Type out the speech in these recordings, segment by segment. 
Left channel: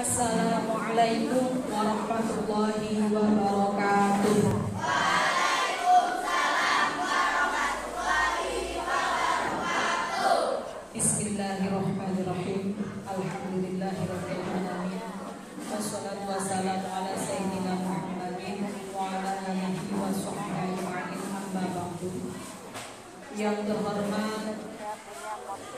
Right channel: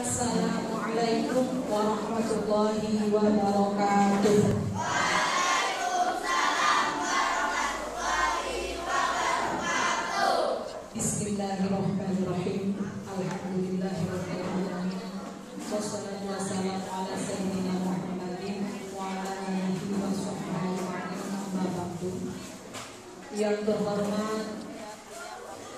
Assalamualaikum warahmatullahi wabarakatuh. Waalaikumsalam warahmatullahi wabarakatuh. Bismillahirrahmanirrahim. Alhamdulillahirabbil alamin. Wassalatu wassalamu ala sayyidina Muhammadin wa ala alihi wa sahbihi ajma'in. Amma ba'du. Yang terhormat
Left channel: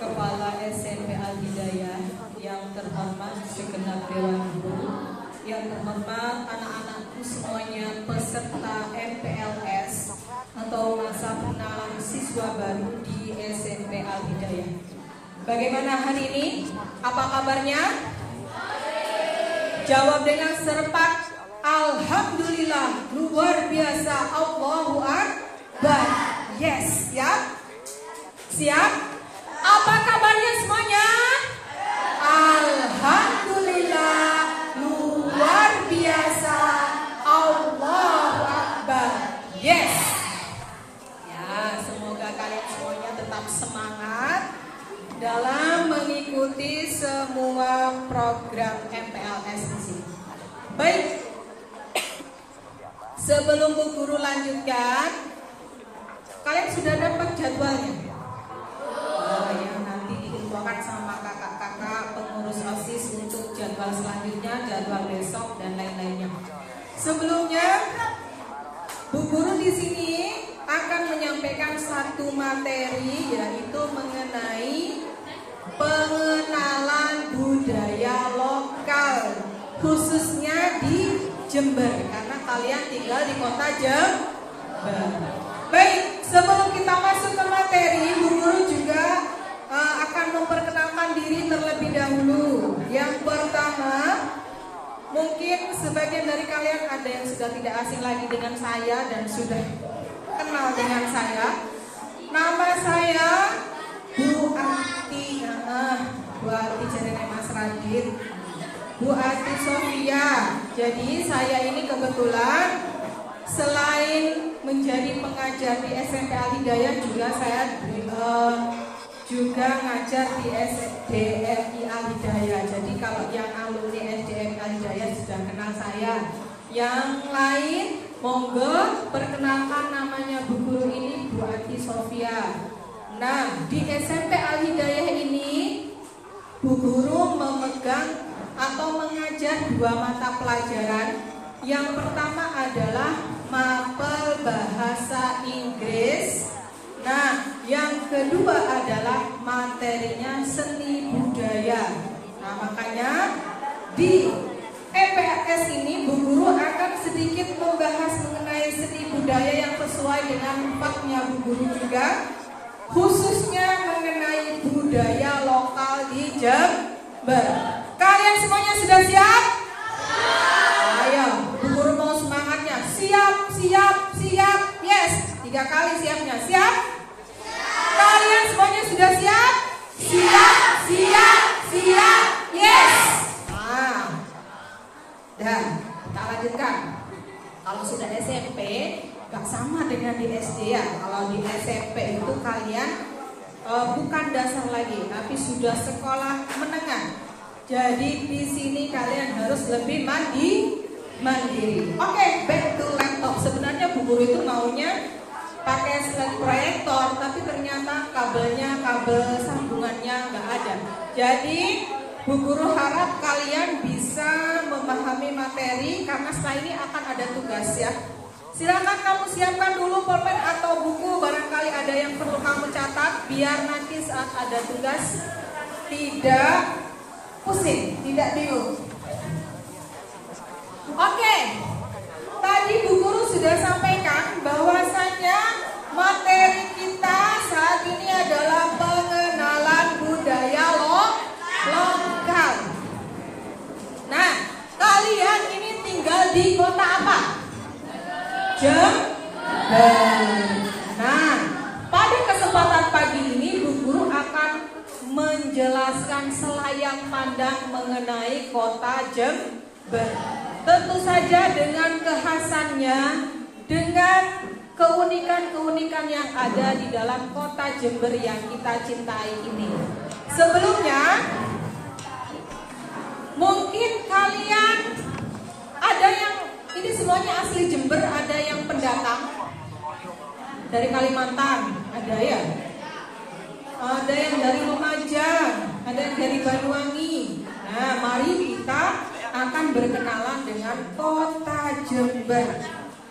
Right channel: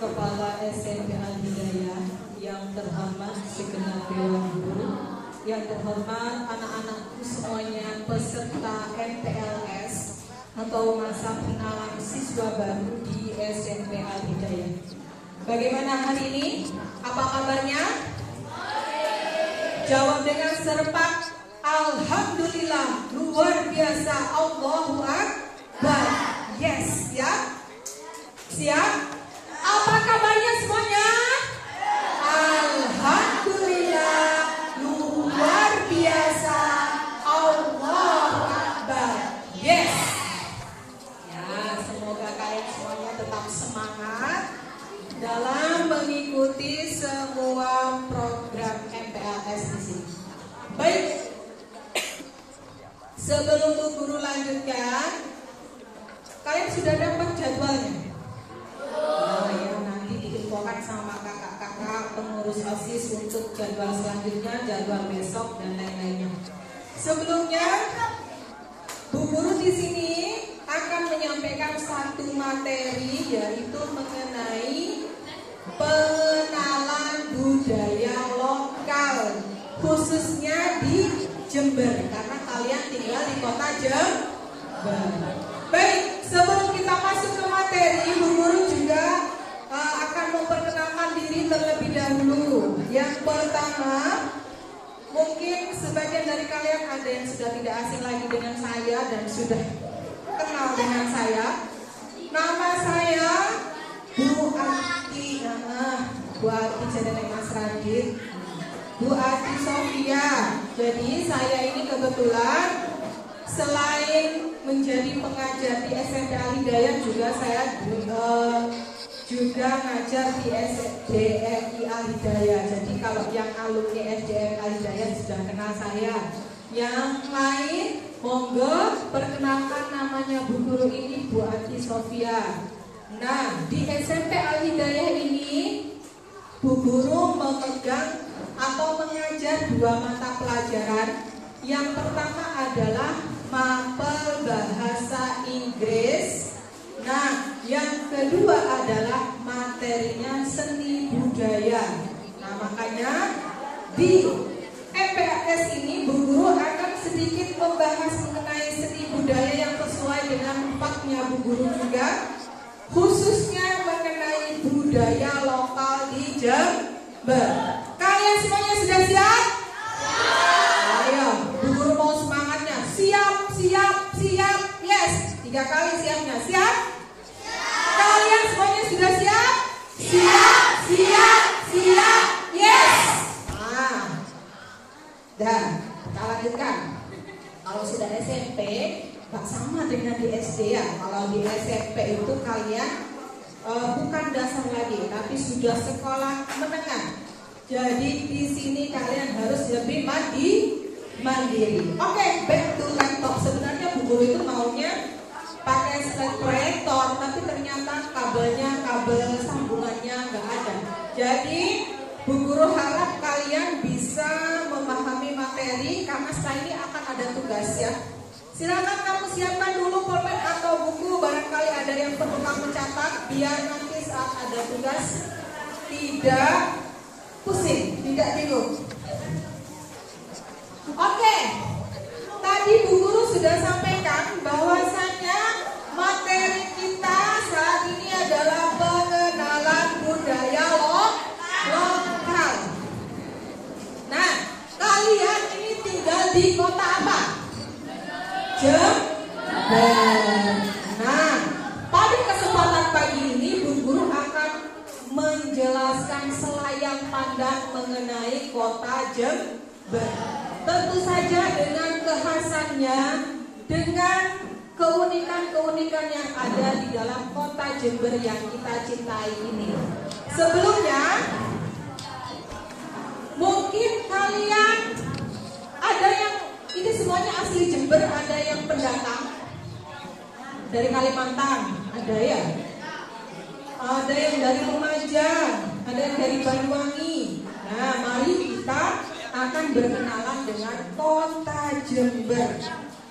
Kepala SMP Al-Hidayah, yang terhormat segenap Dewan Guru, yang terhormat anak-anakku semuanya peserta MPLS atau masa pengenalan siswa baru di SMP Al-Hidayah. Bagaimana hari ini? Apa kabarnya? Jawab dengan serempak, Alhamdulillah, luar biasa, Allahu Akbar. Yes, siap? Siap? Apa kabarnya semuanya? Alhamdulillah, luar biasa, Allahu Akbar. Yes. Ya, semoga kalian semuanya tetap semangat dalam mengikuti semua program MPLS di sini. Baik. Sebelum Bu Guru lanjutkan, kalian sudah dapat jadwalnya? Ya, nanti diinfokan sama kakak-kakak pengurus OSIS untuk jadwal selanjutnya, jadwal besok dan lain-lainnya. Sebelumnya, Bu Guru di sini akan menyampaikan satu materi, yaitu mengenai pengenalan budaya lokal, khususnya di Jember, karena kalian tinggal di kota Jember. Baik, sebelum kita masuk ke materi, Bu Guru juga akan memperkenalkan diri terlebih dahulu. Yang pertama, mungkin sebagian dari kalian ada yang sudah tidak asing lagi dengan saya dan sudah kenal dengan saya. Nama saya Bu Ati, Bu Ati jadi Mas Radit, Bu Ati Sofia. Jadi saya ini kebetulan selain menjadi pengajar di SMP Al-Hidayah, juga saya juga ngajar di SDMI Al-Hidayah. Jadi kalau yang alumni SDMI Al-Hidayah sudah kenal saya. Yang lain, monggo perkenalkan, namanya Bu Guru ini Bu Ati Sofia. Nah, di SMP Al-Hidayah ini Bu Guru memegang atau mengajar dua mata pelajaran. Yang pertama adalah mapel bahasa Inggris. Nah, yang kedua adalah materinya seni budaya. Nah, makanya di MPLS ini Bu Guru akan sedikit membahas mengenai seni budaya yang sesuai dengan empatnya Bu Guru juga, khususnya mengenai budaya lokal di Jember. Kalian semuanya sudah siap? Ayo, Bu Guru mau semangatnya. Siap, siap, siap. Yes, 3 kali siapnya. Siap? Kalian semuanya sudah siap? Siap, siap, siap. Yes. Nah, dan kita lanjutkan. Kalau sudah SMP, gak sama dengan di SD ya. Kalau di SMP itu kalian bukan dasar lagi, tapi sudah sekolah menengah. Jadi di sini kalian harus lebih mandiri. Oke, back to laptop. Sebenarnya Bu Guru itu maunya pakai slide proyektor, tapi ternyata kabel sambungannya nggak ada. Jadi Bu Guru harap kalian bisa memahami materi, karena setelah ini akan ada tugas ya. Silakan kamu siapkan dulu pulpen atau buku, barangkali ada yang perlu kamu catat, biar nanti saat ada tugas tidak pusing, tidak bingung. Oke, tadi Bu Guru sudah sampaikan bahwasannya materi kita saat ini adalah pengenalan budaya lokal. Nah, kalian ini tinggal di kota apa? Jember. Nah, pada kesempatan pagi ini Bu Guru akan menjelaskan selayang pandang mengenai kota Jember. Tentu saja dengan kekhasannya, dengan keunikan-keunikan yang ada di dalam kota Jember yang kita cintai ini. Sebelumnya, mungkin kalian ada yang ini semuanya asli Jember, ada yang pendatang dari Kalimantan, ada ya? Ada yang dari Lumajang, ada yang dari Banyuwangi. Nah, mari kita akan berkenalan dengan kota Jember.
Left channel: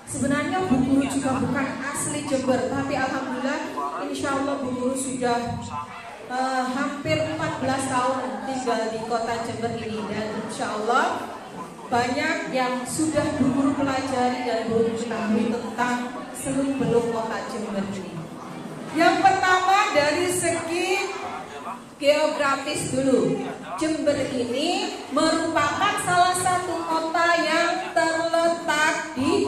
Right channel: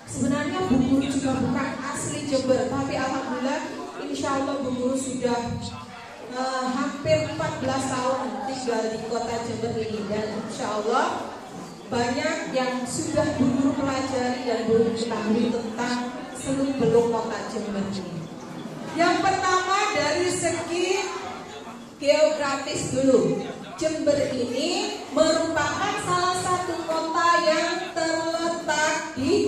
Sebenarnya Bu Guru juga bukan asli Jember, tapi alhamdulillah insya Allah Bu Guru sudah hampir 14 tahun tinggal di kota Jember ini. Dan insya Allah banyak yang sudah Bu Guru pelajari dan Bu Guru ketahui tentang seluk-beluk kota Jember ini. Yang pertama dari segi geografis dulu. Jember ini merupakan salah satu kota yang terletak di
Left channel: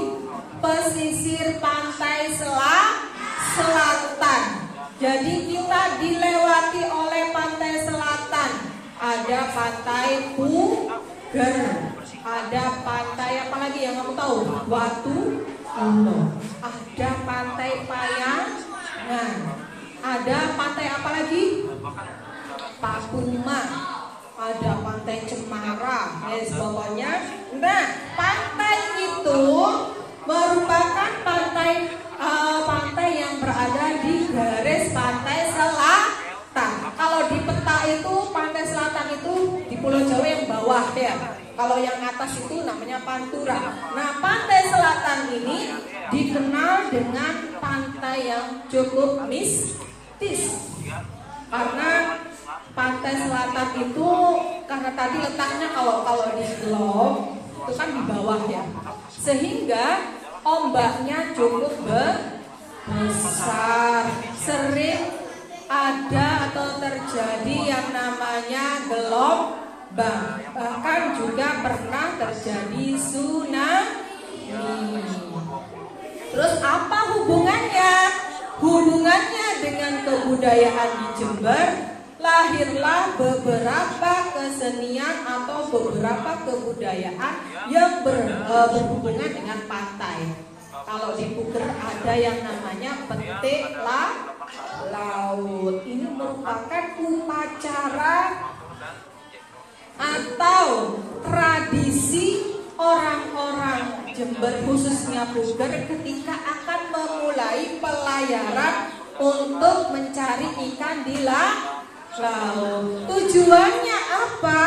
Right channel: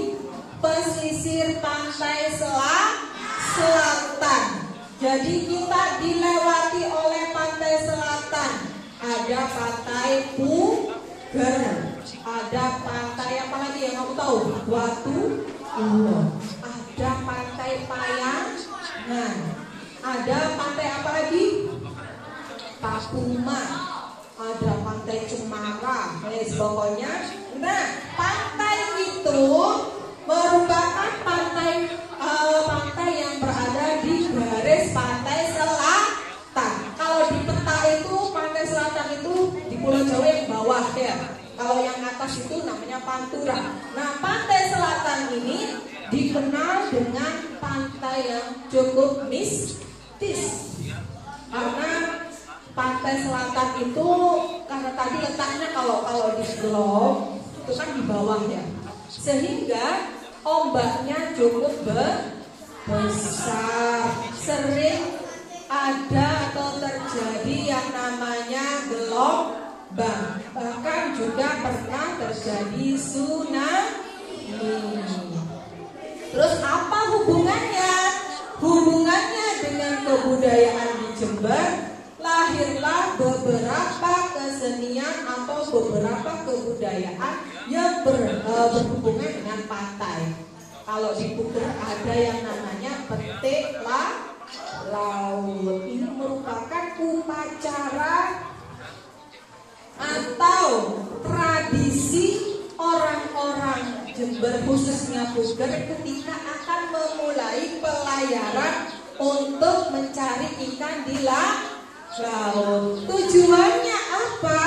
pesisir pantai selatan. Jadi kita dilewati oleh pantai selatan. Ada pantai Puger, ada pantai apa lagi yang aku tahu? Watu Ulo. Ada pantai Payangan. Ada pantai apa lagi? Papuma. Ada pantai Cemara. Pokoknya. Nah, pantai itu merupakan pantai yang berada di garis pantai selatan. Kalau di peta itu pantai selatan itu di Pulau Jawa yang bawah ya. Kalau yang atas itu namanya Pantura. Nah, pantai selatan ini dikenal dengan pantai yang cukup mistis. Karena pantai selatan itu karena tadi letaknya kalau di globe itu kan di bawah ya. Sehingga ombaknya cukup besar. Sering ada atau terjadi yang namanya gelombang. Bahkan juga pernah terjadi tsunami. Terus apa hubungannya? Hubungannya dengan kebudayaan di Jember, lahirlah beberapa kesenian atau beberapa kebudayaan yang berhubungan dengan pantai. Kalau di Puger ada yang namanya petik laut. Ini merupakan upacara atau tradisi orang-orang Jember khususnya Puger ketika akan memulai pelayaran untuk mencari ikan di laut. Tujuannya apa?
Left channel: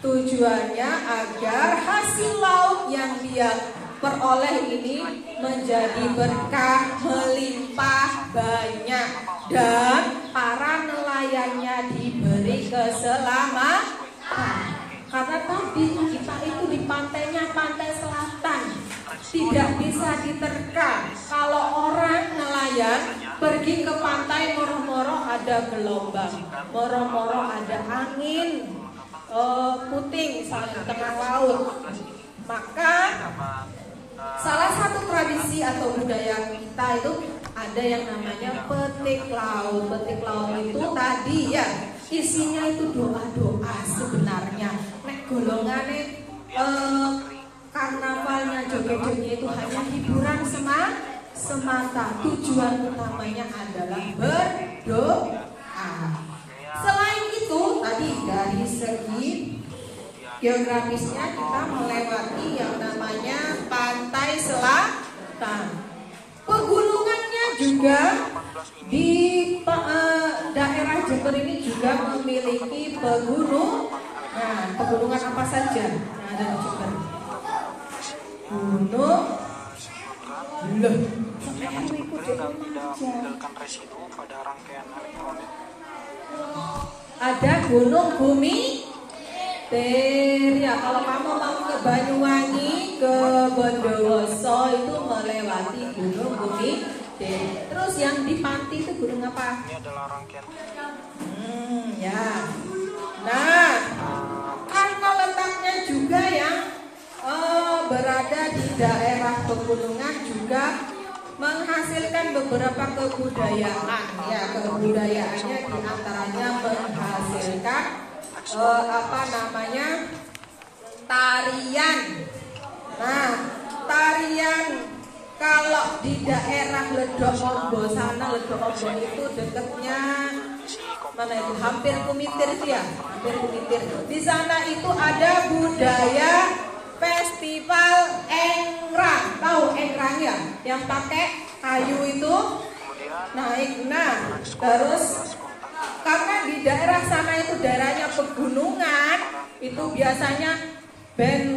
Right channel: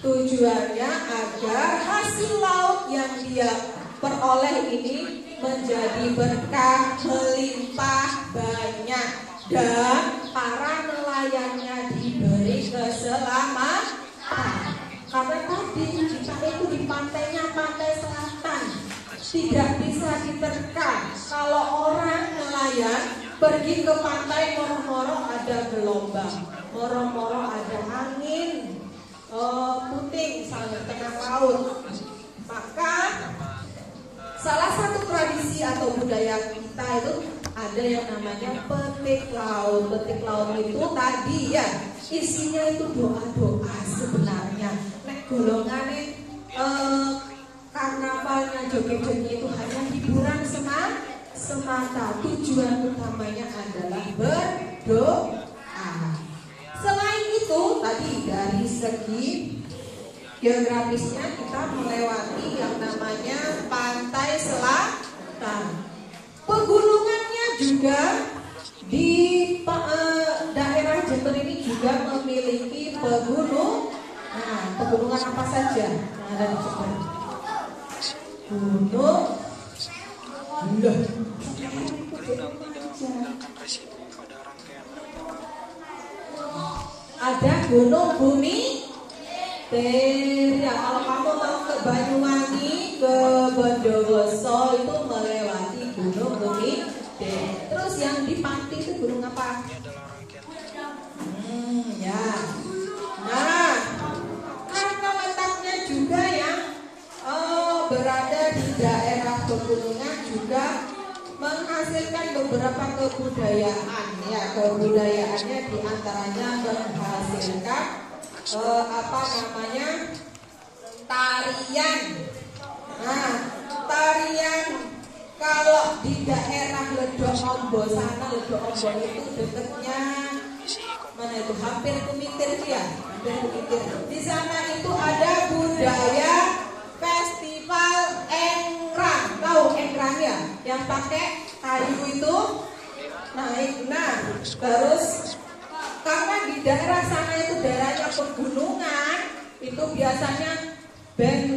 Tujuannya agar hasil laut yang dia peroleh ini menjadi berkah, melimpah banyak, dan para nelayannya diberi keselamatan. Karena tadi kita itu di pantainya pantai selatan, tidak bisa diterka. Kalau orang nelayan pergi ke pantai, moro-moro ada gelombang, moro-moro ada angin puting misalnya tengah laut. Maka salah satu tradisi atau budaya kita itu ada yang namanya petik laut. Petik laut itu tadi ya isinya itu doa-doa sebenarnya. Nek golongane karnavalnya joget-joget itu hanya hiburan semata. Tujuan utamanya adalah berdoa. Selain itu tadi dari segi geografisnya kita melewati yang namanya pantai selatan. Pegunungannya juga di daerah Jember ini juga memiliki pegunungan. Nah, pegunungan apa saja yang ada di Jember? Gunung ada Gunung Bumi ya, kalau kamu mau ke Banyuwangi, ke Bondowoso itu melewati Gunung Bumi. Terus yang di Panti itu gunung apa? Ya. Nah, karena letaknya juga yang berada di daerah pegunungan juga menghasilkan beberapa kebudayaan. Ya, kebudayaannya diantaranya menghasilkan tarian. Nah, tarian kalau di daerah Ledok Ombo sana, Ledok Ombo itu dekatnya mana itu? Hampir Kumitir itu ya, hampir Kumitir. Di sana itu ada bunyi budaya festival Engrang. Tahu Engrang ya? Yang pakai kayu itu naik. Nah, terus karena di daerah sana itu daerahnya pegunungan, itu biasanya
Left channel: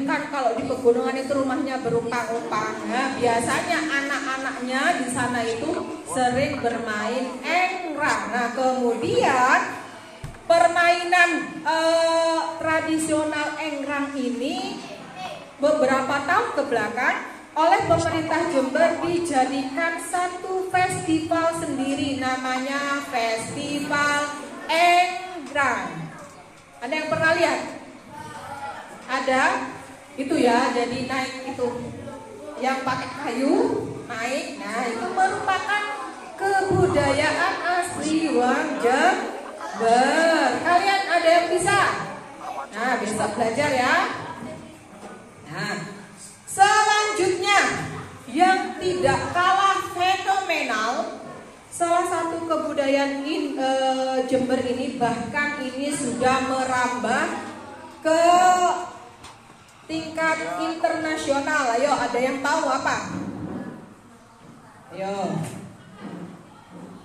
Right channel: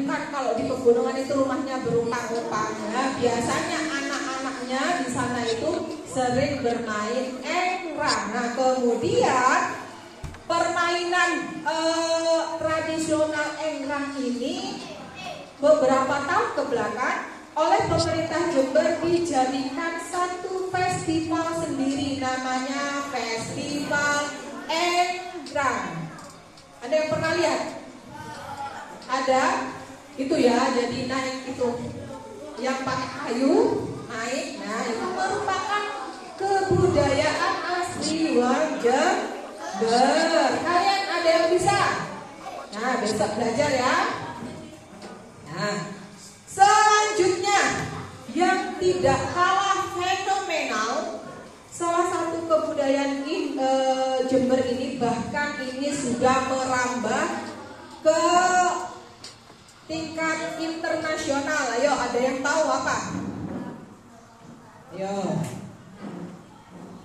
kan kalau di pegunungan itu rumahnya berumpang-umpang. Nah, biasanya anak-anaknya di sana itu sering bermain Engrang. Nah, kemudian permainan tradisional Engrang ini beberapa tahun ke belakang oleh pemerintah Jember dijadikan satu festival sendiri, namanya Festival Engrang. Ada yang pernah lihat? Ada? Itu ya, jadi naik itu yang pakai kayu, naik. Nah, itu merupakan kebudayaan asli Wong Jember. Kalian ada yang bisa? Nah, besok belajar ya. Nah, selanjutnya yang tidak kalah fenomenal, salah satu kebudayaan Jember ini bahkan ini sudah merambah ke tingkat internasional. Ayo, ada yang tahu apa? Ayo,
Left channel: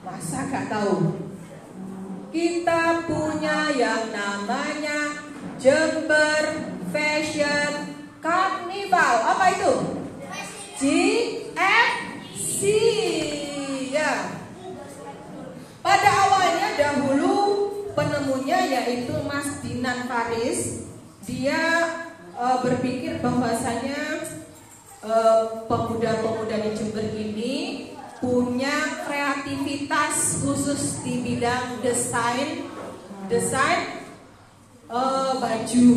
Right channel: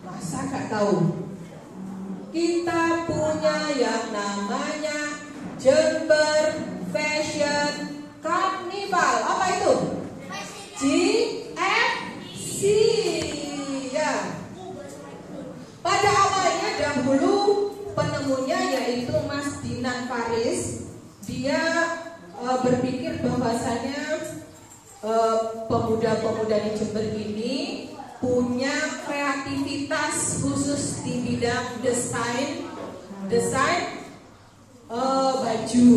masa gak tahu? Kita punya yang namanya Jember Fashion Carnival. Apa itu? JFC ya. Pada awalnya dahulu penemunya yaitu Mas Dinan Faris. Dia berpikir bahwasanya pemuda-pemuda di Jember ini punya kreativitas khusus di bidang desain baju.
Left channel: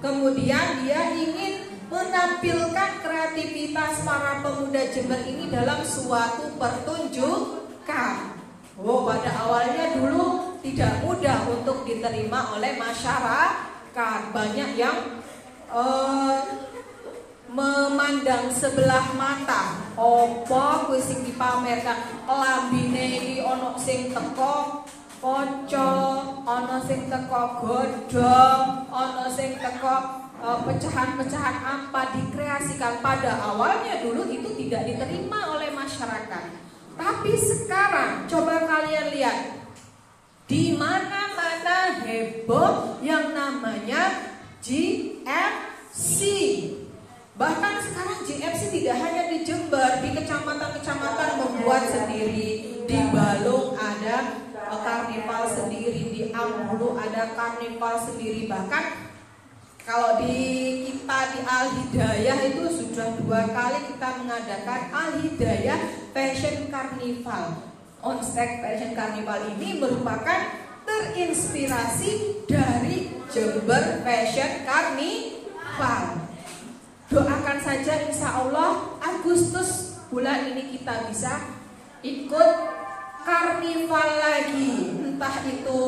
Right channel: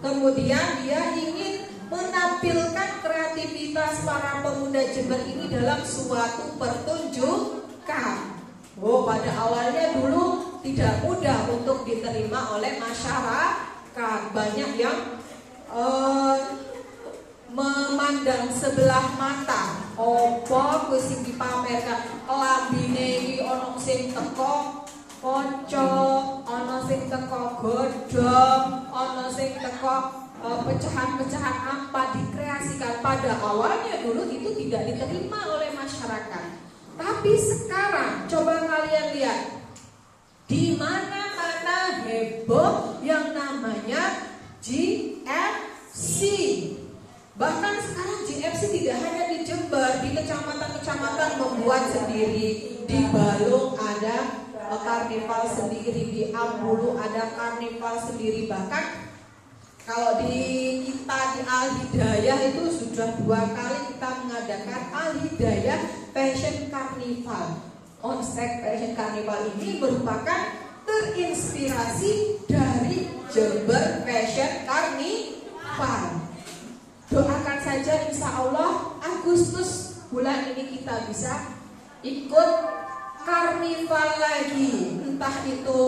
Kemudian dia ingin menampilkan kreativitas para pemuda Jember ini dalam suatu pertunjukan. Oh, pada awalnya dulu tidak mudah untuk diterima oleh masyarakat. Banyak yang memandang sebelah mata. Opo kuwi sing dipamerkan, lambine iki ana sing teko kaca, ana sing teko godhong, ana sing teko pecahan-pecahan apa dikreasikan. Pada awalnya dulu itu tidak diterima oleh masyarakat. Tapi sekarang coba kalian lihat, di mana-mana heboh yang namanya JFC. Bahkan sekarang JFC tidak hanya di Jember, di kecamatan-kecamatan membuat sendiri. Di Balung ada karnival sendiri, di Ambulu ada karnival sendiri. Bahkan kalau di Al Hidayah itu sudah 2 kali kita mengadakan Al Hidayah Fashion Carnival. Onstek Fashion Carnival ini merupakan terinspirasi dari Jember Fashion Carnival. Doakan saja insya Allah Agustus bulan ini kita bisa ikut karnival lagi, entah itu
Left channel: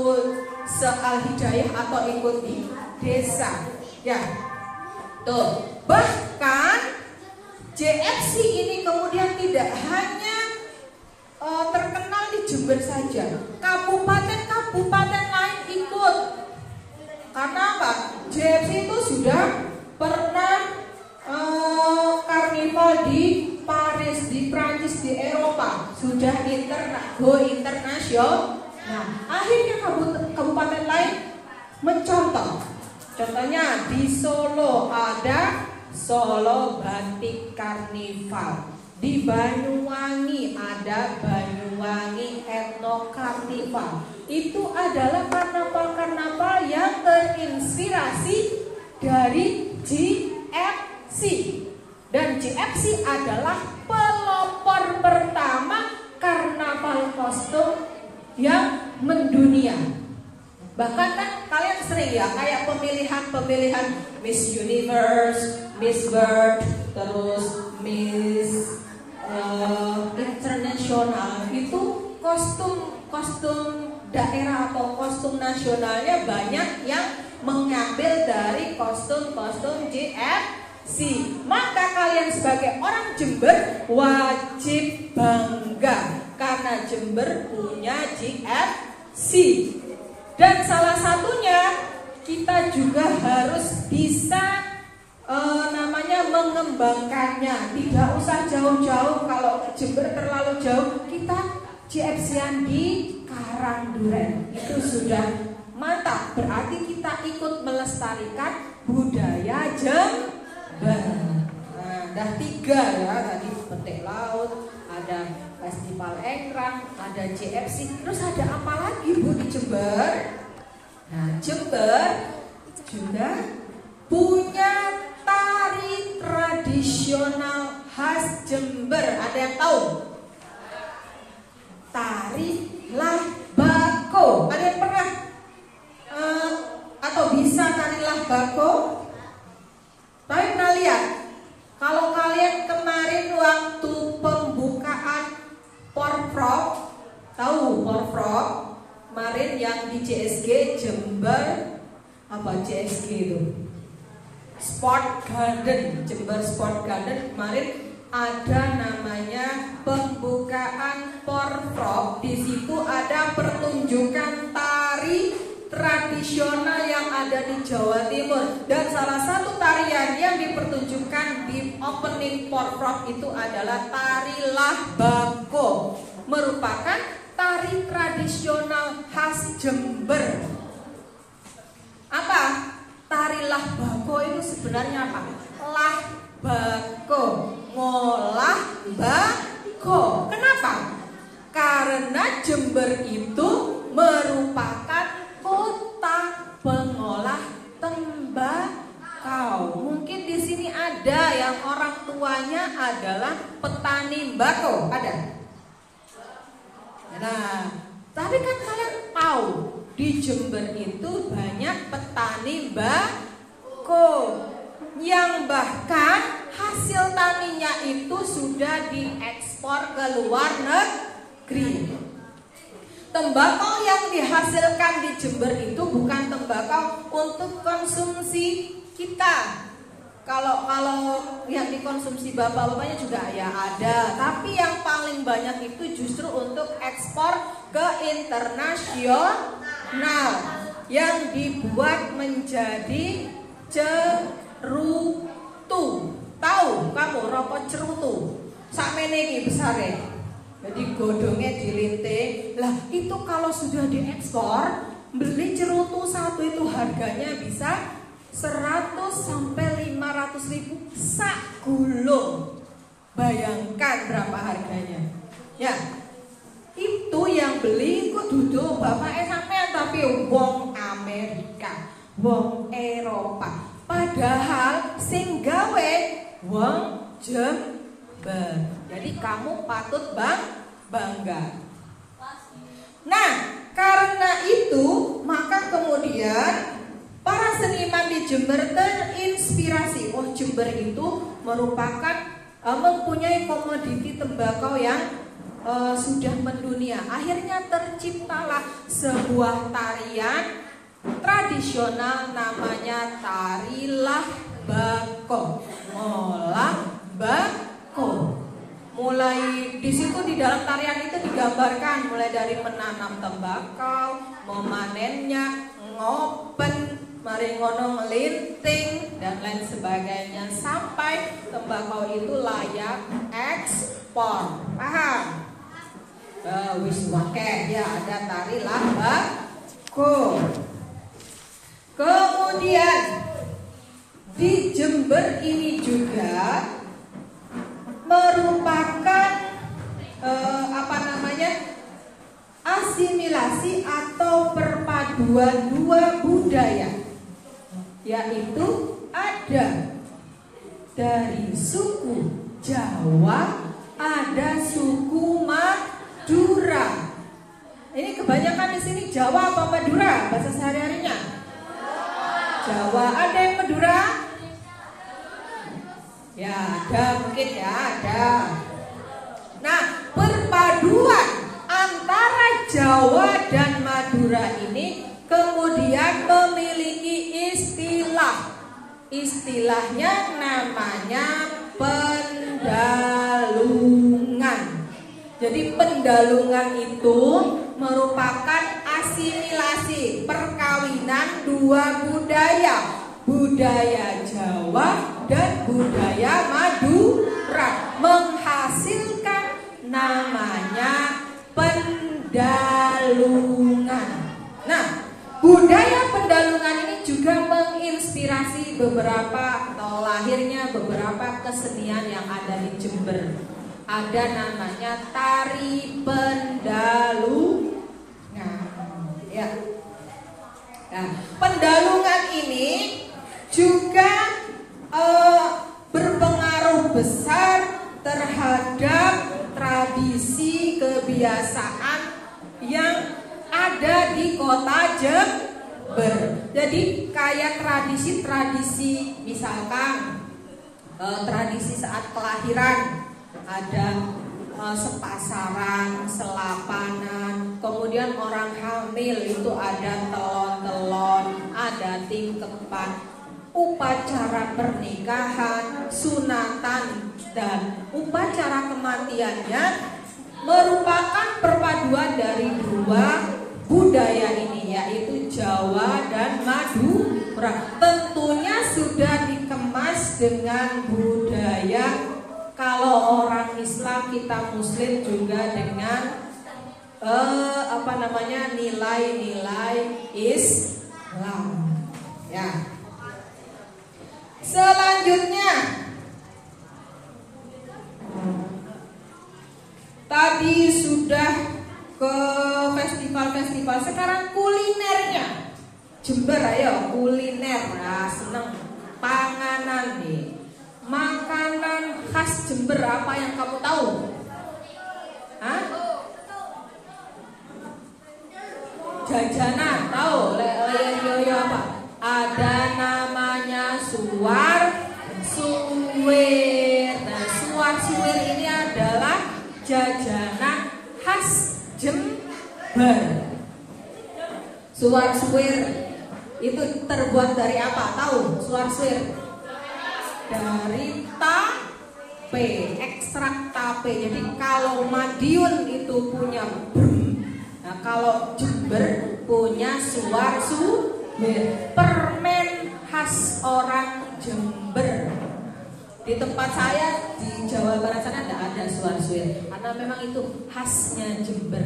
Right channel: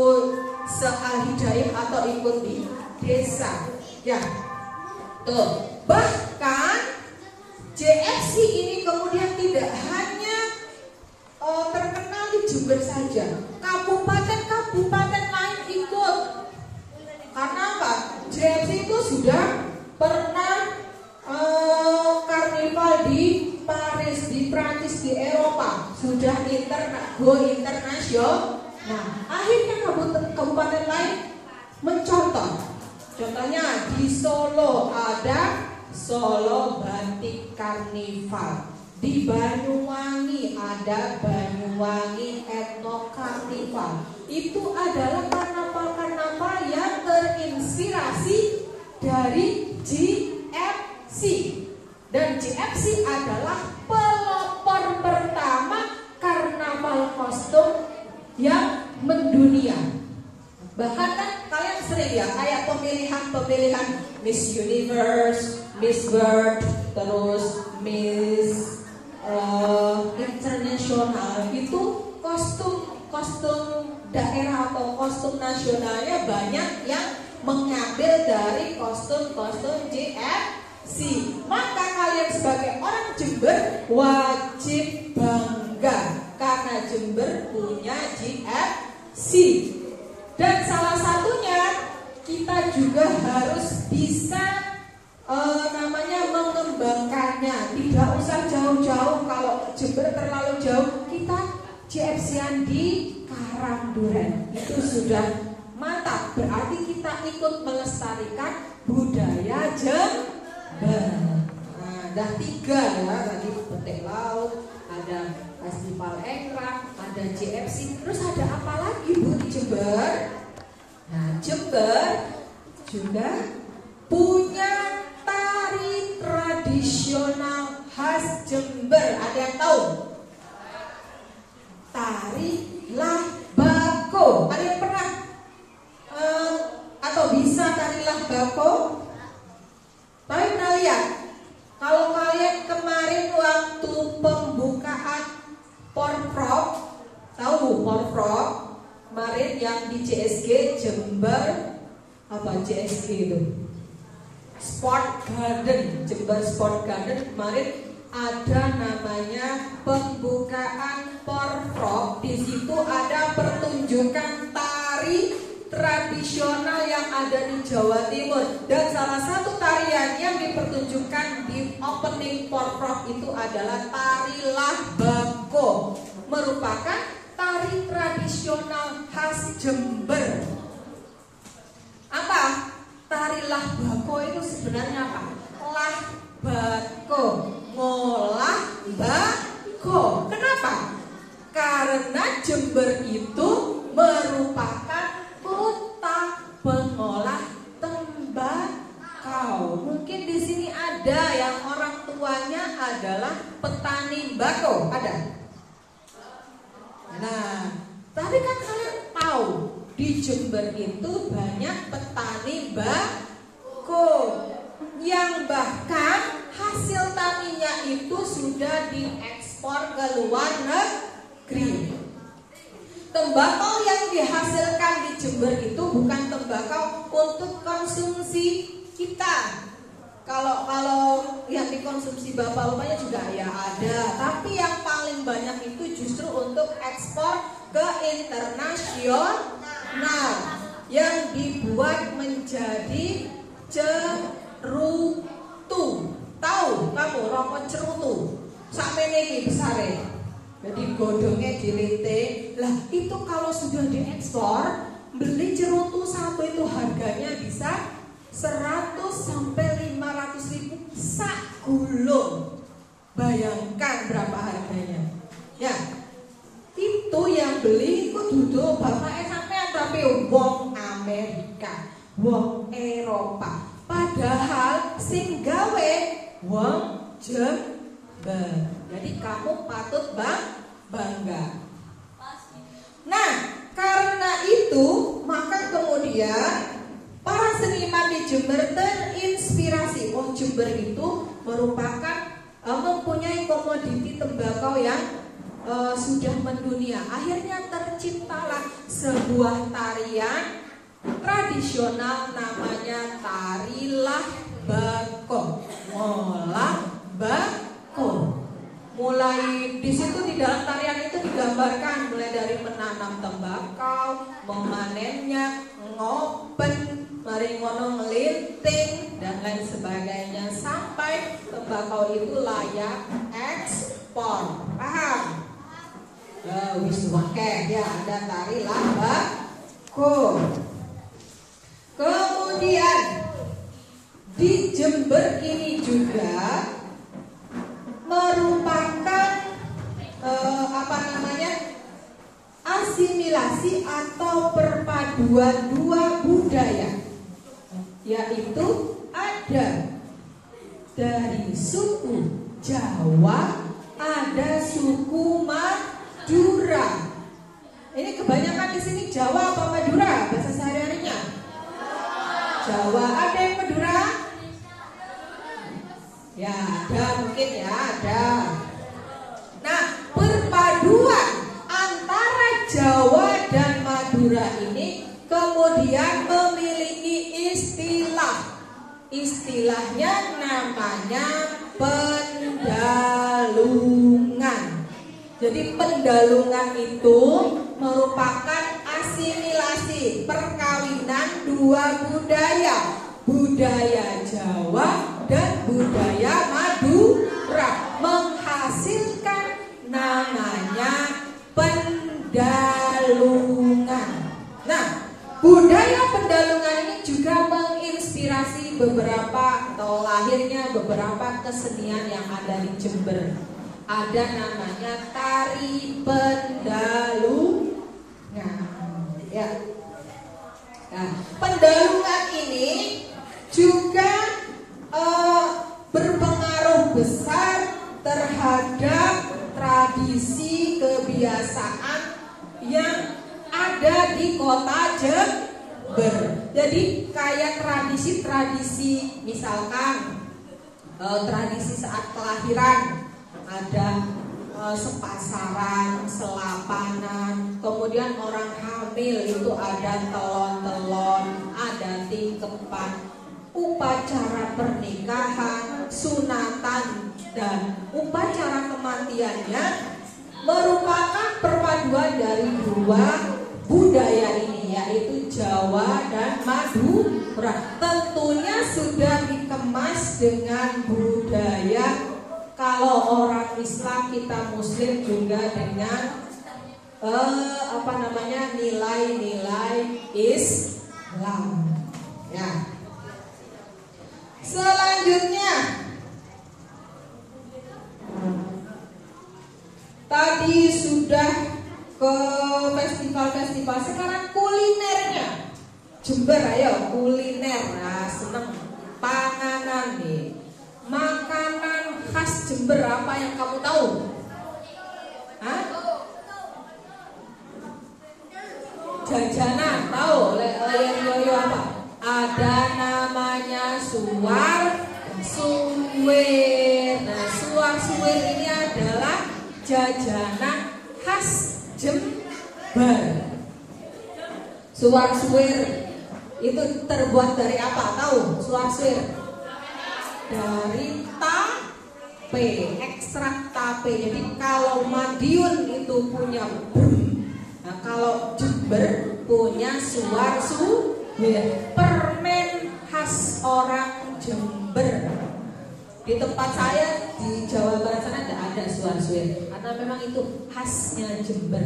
se-Al Hidayah atau ikut di desa. Ya, tuh. Bahkan JFC ini kemudian tidak hanya terkenal di Jember saja, kabupaten-kabupaten lain ikut. Karena apa? JFC itu sudah pernah karnival di Paris, di Prancis, di Eropa, sudah go internasional. Nah, akhirnya kabupaten lain mencontoh. Contohnya di Solo ada Solo Batik Karnival, di Banyuwangi ada Banyuwangi Ethno Karnival. Itu adalah karnaval-karnaval yang terinspirasi dari JFC. Dan JFC adalah pelopor pertama karnaval kostum yang mendunia. Bahkan kan kalian sering ya kayak pemilihan Miss Universe, Miss World, terus Miss International, itu kostum daerah atau kostum nasionalnya banyak yang mengambil dari kostum-kostum JFC. Maka kalian sebagai orang Jember wajib bangga karena Jember punya JFC. Dan salah satunya kita juga harus bisa mengembangkannya. Tidak usah jauh-jauh, kalau Jember terlalu jauh, kita JFC-an di Karangduren. Itu sudah mantap. Berarti kita ikut melestarikan budaya Jember. Nah, dah 3 ya, tadi petik laut, ada festival Engrang, ada JFC. Terus ada apa lagi Bu di Jember? Nah, Jember juga punya tari tradisional khas Jember. Ada yang tahu? Tari Lahbako. Ada yang pernah atau bisa tari Lahbako? Tapi pernah lihat? Kalau kalian kemarin waktu pembukaan Porprov, tahu Porprov? Kemarin yang di JSG Jember, apa JSG itu? Sport Garden, Jember Sport Garden. Kemarin ada namanya pembukaan Porprov. Di situ ada pertunjukan tari tradisional yang ada di Jawa Timur, dan salah satu tarian yang dipertunjukkan di opening Porprov itu adalah tari Lahbako, merupakan tari tradisional khas Jember. Apa? Tari Lahbako itu sebenarnya apa? Lahbako, ngolah bako. Kenapa? Karena Jember itu merupakan kota pengolah tembakau. Mungkin di sini ada yang orang tuanya adalah petani bako, ada? Nah, tapi kan kalian tahu di Jember itu banyak petani bako yang bahkan hasil taninya itu sudah diekspor ke luar negeri. Tembakau yang dihasilkan di Jember itu bukan tembakau untuk konsumsi kita. Kalau yang dikonsumsi bapak-bapaknya juga ya ada, tapi yang paling banyak itu justru untuk ekspor ke internasional yang dibuat menjadi cerutu. Tahu kamu rokok cerutu? Sakmene iki besare. Jadi godongnya dilinting. Lah itu kalau sudah diekspor, beli cerutu satu itu harganya bisa 100 sampai 500 ribu sak gulung. Bayangkan berapa harganya. Ya, itu yang beli ku duduk bapak sampean, tapi wong Amerika, wong Eropa. Padahal sing gawe wong Jember. Jadi kamu patut bangga. Nah, karena itu maka kemudian para seniman di Jember terinspirasi. Wah, Jember itu merupakan mempunyai komoditi tembakau yang sudah mendunia. Akhirnya terciptalah sebuah tarian tradisional namanya tari Lahbako. Lahbako. Mulai di situ di dalam tarian itu digambarkan mulai dari menanam tembakau, memanennya, ngopen, mari ngono ngelinting dan lain sebagainya sampai tembakau itu layak ekspor. Paham? Wis wae ya ada tari Lahbako. Kemudian di Jember ini juga merupakan asimilasi atau perpaduan dua budaya, yaitu ada dari suku Jawa, ada suku Madura. Ini kebanyakan di sini Jawa apa Madura bahasa sehari-harinya? Jawa. Ada yang Madura? Ya ada, mungkin ya ada. Nah, perpaduan antara Jawa dan Madura ini kemudian memiliki istilah. Istilahnya namanya pendalungan. Jadi pendalungan itu merupakan asimilasi perkawinan dua budaya, budaya Jawa dan budaya Madura. Budaya Pendalungan ini juga menginspirasi beberapa atau lahirnya beberapa kesenian yang ada di Jember. Ada namanya tari pendalungan. Ya. Nah, pendalungan ini juga berpengaruh besar terhadap tradisi kebiasaan yang ada di kota Jember. Jadi kayak tradisi-tradisi, misalkan tradisi saat kelahiran ada sepasaran, selapanan, kemudian orang hamil itu ada telon-telon, ada tingkepan, upacara pernikahan, sunatan, dan upacara kematiannya merupakan perpaduan dari dua budaya ini, yaitu Jawa dan Madura. Tentunya sudah dikemas dengan budaya, kalau orang Islam kita Muslim juga dengan nilai-nilai Islam. Ya. Selanjutnya, tadi sudah ke festival-festival, sekarang kulinernya Jember, ayo kuliner. Nah, seneng panganan nih. Makanan khas Jember apa yang kamu tahu? Hah? Jajanan tahu? Yoyo apa? Ada namanya suwir. Nah, suwir ini adalah jajanan khas Jember. Suwir itu terbuat dari apa? Tahu? Suwir dari tape, ekstrak tape. Jadi kalau Madiun itu punya brem, nah kalau Jember punya suwir, permen khas orang Jember. Di tempat saya di Jawa Barat sana tidak ada suwir, karena memang itu khasnya Jember.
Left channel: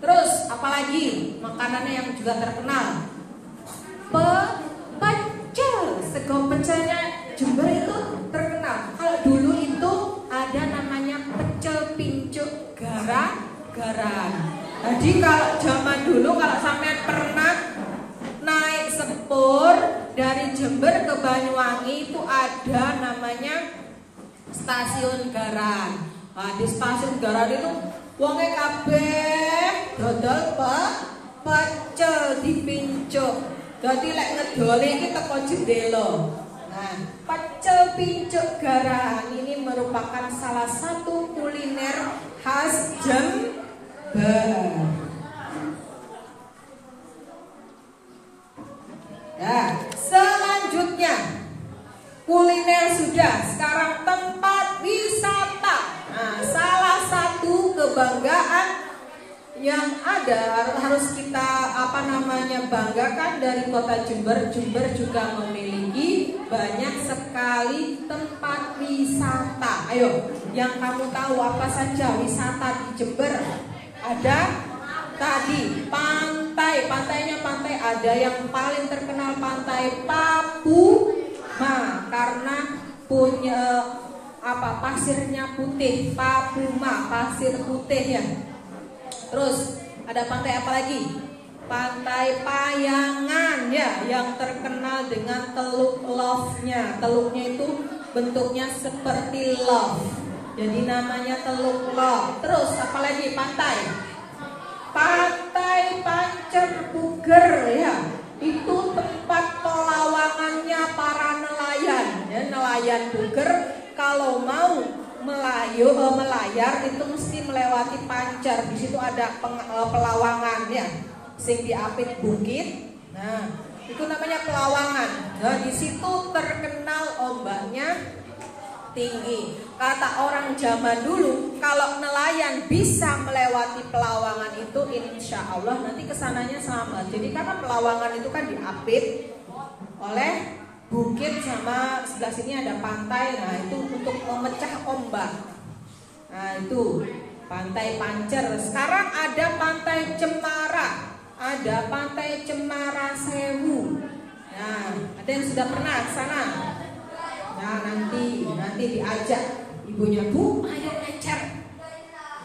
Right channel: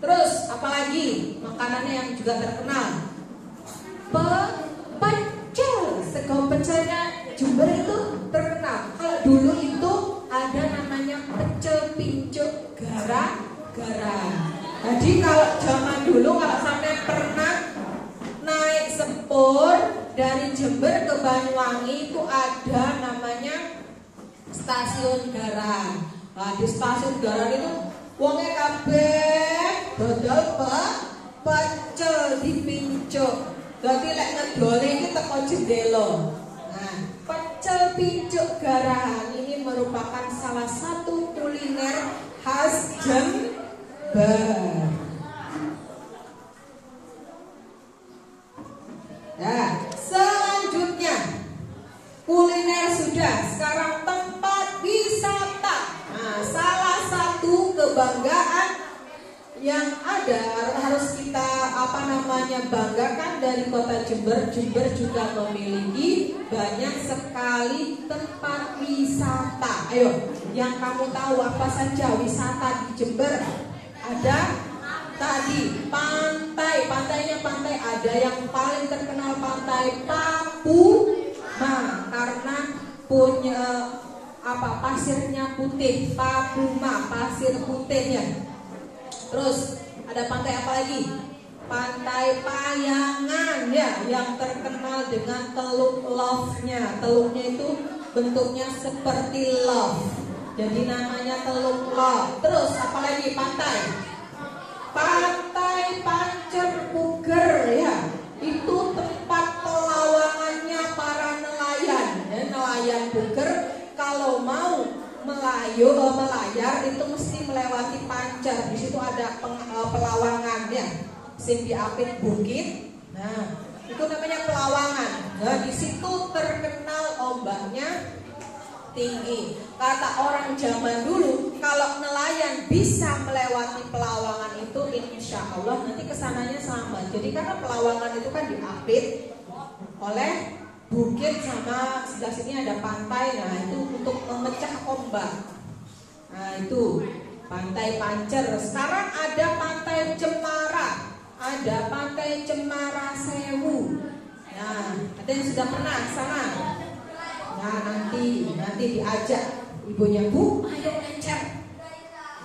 Terus apalagi makanannya yang juga terkenal? Pecel, sego pecelnya Jember itu terkenal. Kalau dulu itu ada namanya pecel pincuk gara-garan. Jadi kalau zaman dulu, kalau sampai pernah naik sepur dari Jember ke Banyuwangi, itu ada namanya stasiun Garan. Nah, di stasiun Garan itu wonge kabeh dodol pecel dipincuk. Dadi lek ngedole iki teko jendela. Nah, pecel pincuk Garan ini merupakan salah satu kuliner khas Jember. Nah, selanjutnya kuliner sudah, sekarang tempat wisata. Nah, salah satu kebanggaan yang ada harus kita banggakan dari kota Jember. Jember juga memiliki banyak sekali tempat wisata. Ayo, yang kamu tahu apa saja wisata di Jember? Ada tadi pantainya ada yang paling terkenal Pantai Papuma karena punya pasirnya putih. Papuma, pasir putih ya. Terus ada pantai apa lagi? Pantai Payangan ya, yang terkenal dengan teluk love-nya. Teluknya itu bentuknya seperti love, jadi namanya teluk love. Terus apa lagi? Pantai Pancerpuger ya, itu tempat pelawangannya para nelayan ya. Nelayan Puger kalau mau melayar itu mesti melewati Pancer. Di situ ada pelawangan ya, sing diapit bukit. Nah, itu namanya pelawangan. Nah, di situ terkenal ombaknya tinggi. Kata orang zaman dulu, kalau nelayan bisa melewati pelawangan itu, insya Allah nanti kesananya selamat. Jadi karena pelawangan itu kan diapit oleh bukit, sama sebelah sini ada pantai. Nah, itu untuk memecah ombak. Nah, itu Pantai Pancer. Sekarang ada Pantai Cemara. ada Pantai Cemara Sewu. Nah, ada yang sudah pernah ke sana? Nah, nanti diajak ibunya, Bu, ayo ngecer.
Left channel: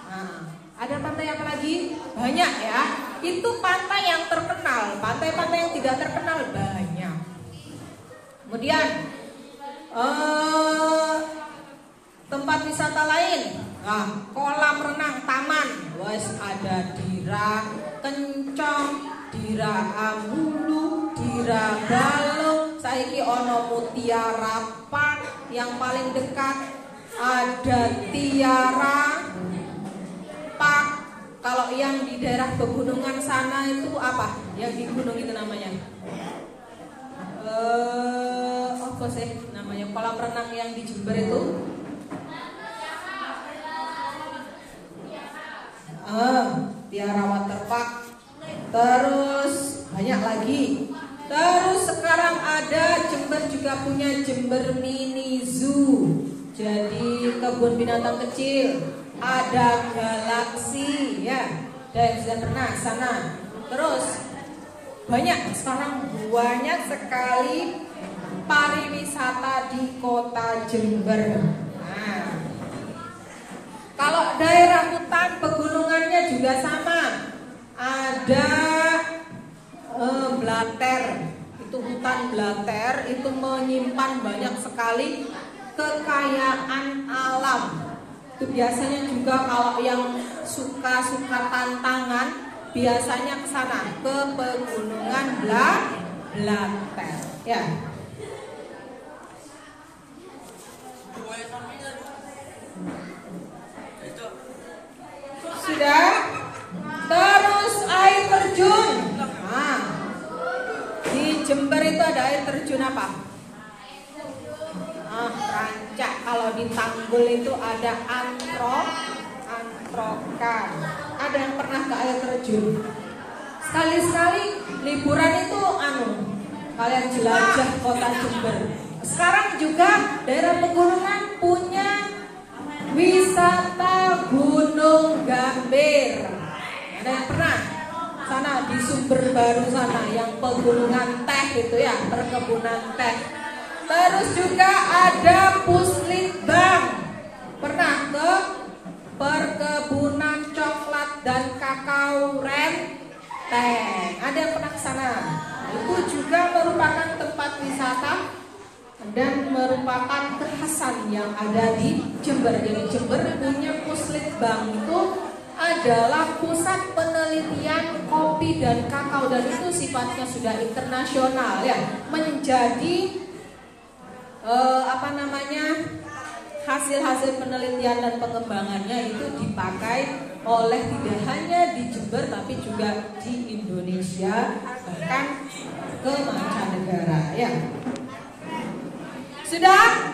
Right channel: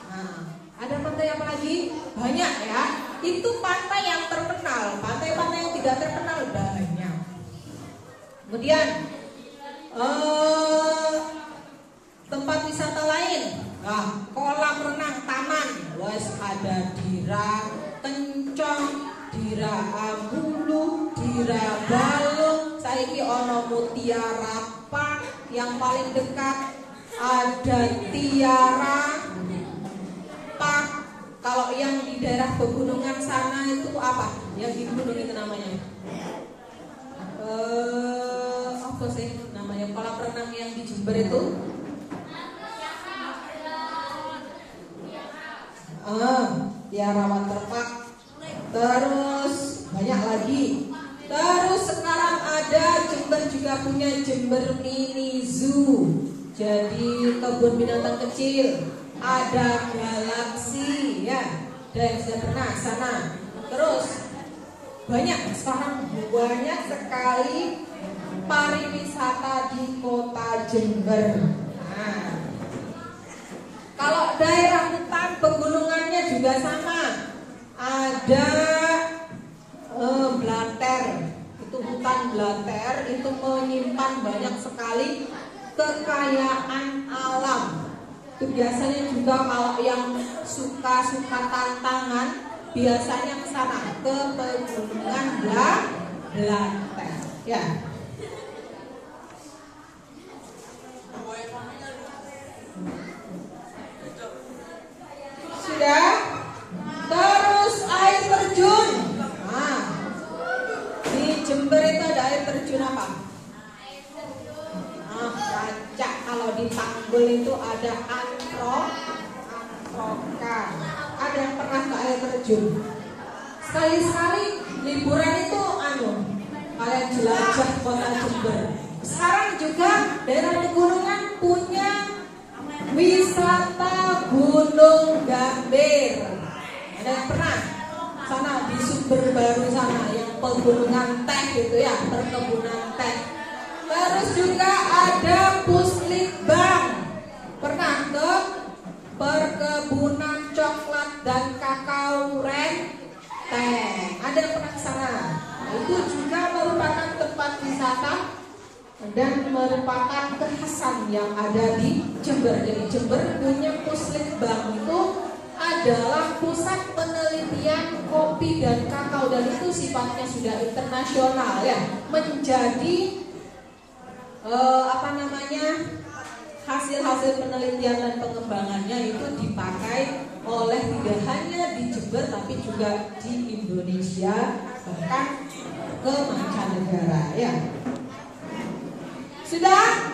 Nah, ada pantai apa lagi? Banyak ya. Itu pantai yang terkenal. Pantai-pantai yang tidak terkenal banyak. Kemudian tempat wisata lain. Nah, kolam renang taman. Wes ada Dira Kencong, Dira Ambulu, Dira Balung, saiki ono Mutiara Park yang paling dekat, ada Tiara Park. Kalau yang di daerah pegunungan sana itu apa? Yang di gunung itu namanya? Apa sih namanya? Kolam renang yang di Jember itu? Tiara Waterpark. Terus banyak lagi. Terus sekarang ada Jember juga punya Jember Mini Zoo. Jadi kebun binatang kecil. Ada Galaksi ya. Dan sudah pernah sana. Terus sekarang banyak sekali pariwisata di kota Jember. Nah, kalau daerah hutan pegunungannya juga sama. Ada Blater, itu hutan Blater itu menyimpan banyak sekali kekayaan alam. Itu biasanya juga kalau yang suka tantangan biasanya ke sana, ke pegunungan Blater ya. Sudah? Terus air terjun. Nah, di Jember itu ada air terjun apa? Rancak. Kalau di Tanggul itu ada Antrokan. Ada yang pernah ke air terjun? Sekali-sekali liburan itu kalian jelajah kota Jember. Sekarang juga daerah pegunungan punya wisata Gunung Gambir. Ada yang pernah sana di Sumber Baru sana yang pegunungan teh itu ya, perkebunan teh. Terus juga ada Puslitbang. Pernah ke perkebunan coklat dan kakao Renteng. Ada yang pernah ke sana? Itu juga merupakan tempat wisata dan merupakan kekhasan yang ada di Jember. Jadi Jember punya Puslitbang, itu adalah pusat penelitian kopi dan kakao, dan itu sifatnya sudah internasional ya, menjadi hasil-hasil penelitian dan pengembangannya itu dipakai oleh tidak hanya di Jember tapi juga di Indonesia, bahkan ke mancanegara ya. Sudah?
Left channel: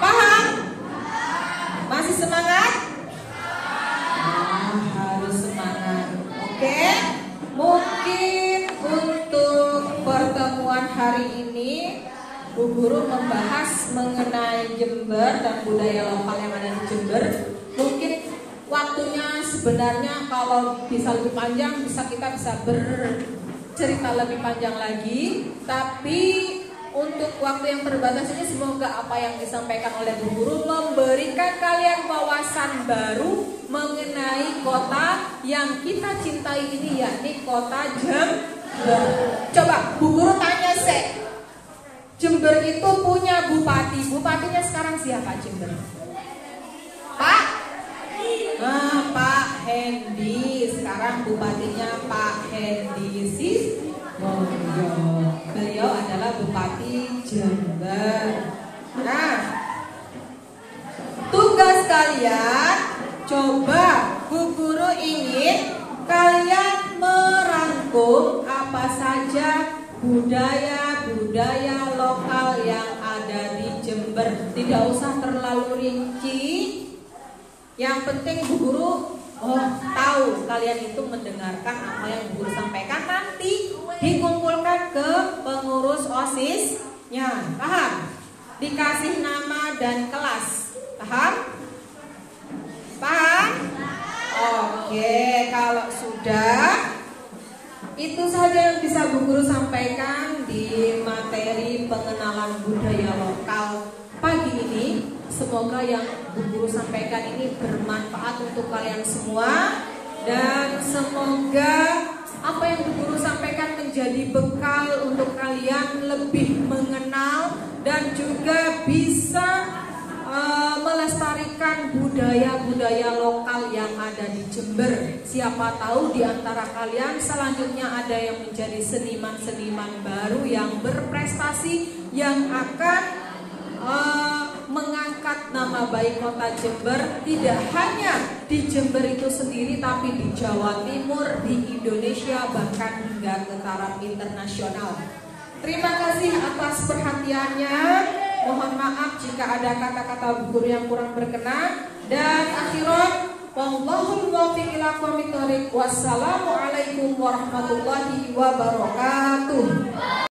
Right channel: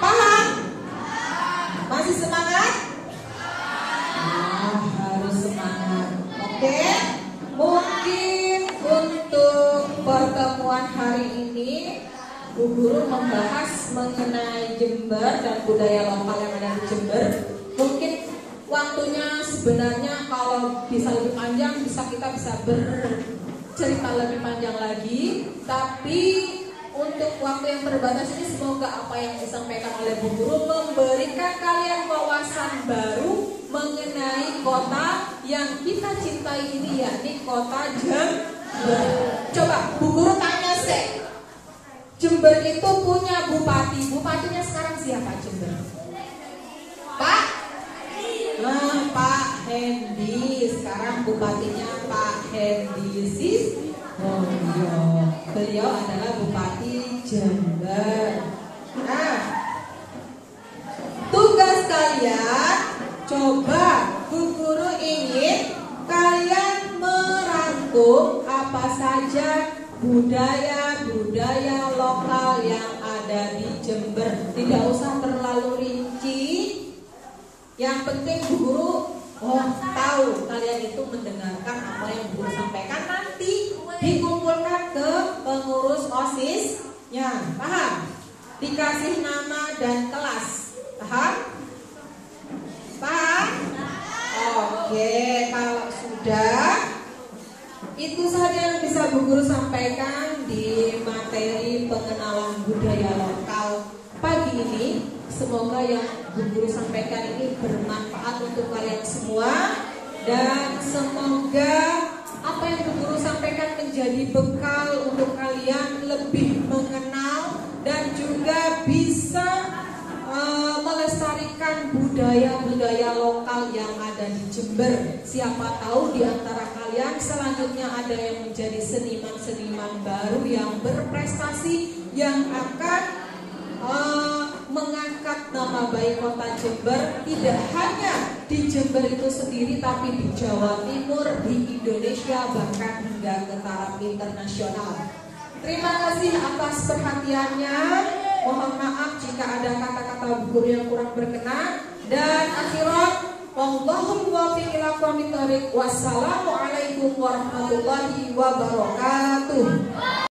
Paham? Masih semangat? Harus semangat. Oke? Mungkin untuk pertemuan hari ini Bu Guru membahas mengenai Jember dan budaya lokal yang ada di Jember. Mungkin waktunya sebenarnya kalau bisa lebih panjang, kita bisa bercerita lebih panjang lagi. Tapi untuk waktu yang terbatas ini, semoga apa yang disampaikan oleh Bu Guru memberikan kalian wawasan baru mengenai kota yang kita cintai ini, yakni kota Jember. Coba Bu Guru tanya Jember itu punya bupati. Bupatinya sekarang siapa Jember? Pak? Pak Hendi. Sekarang bupatinya Pak Hendi Siswoyo. Beliau adalah Bupati Jember. Nah, tugas kalian, coba Bu Guru ingin kalian merangkum apa saja budaya lokal yang ada di Jember. Tidak usah terlalu rinci. Yang penting Bu Guru tahu kalian itu mendengarkan apa yang Bu Guru sampaikan, nanti dikumpulkan ke pengurus OSIS-nya. Paham? Dikasih nama dan kelas. Paham? Paham? Oke, kalau sudah Itu saja yang bisa Bu Guru sampaikan di materi pengenalan budaya lokal pagi ini. Semoga yang Bu Guru sampaikan ini bermanfaat untuk kalian semua, dan semoga apa yang Bu Guru sampaikan menjadi bekal untuk kalian lebih mengenal dan juga bisa melestarikan budaya-budaya lokal yang ada di Jember. Siapa tahu di antara kalian selanjutnya ada yang menjadi seniman-seniman baru yang berprestasi, yang akan mengangkat nama baik kota Jember, tidak hanya di Jember itu sendiri, tapi di Jawa Timur, di Indonesia, bahkan hingga ke taraf internasional. Terima kasih atas perhatiannya. Mohon maaf jika ada kata-kata Bu Guru yang kurang berkenan. Dan akhirat, wallahul muwaffiq ila aqwamit thoriq. Wassalamualaikum warahmatullahi wabarakatuh.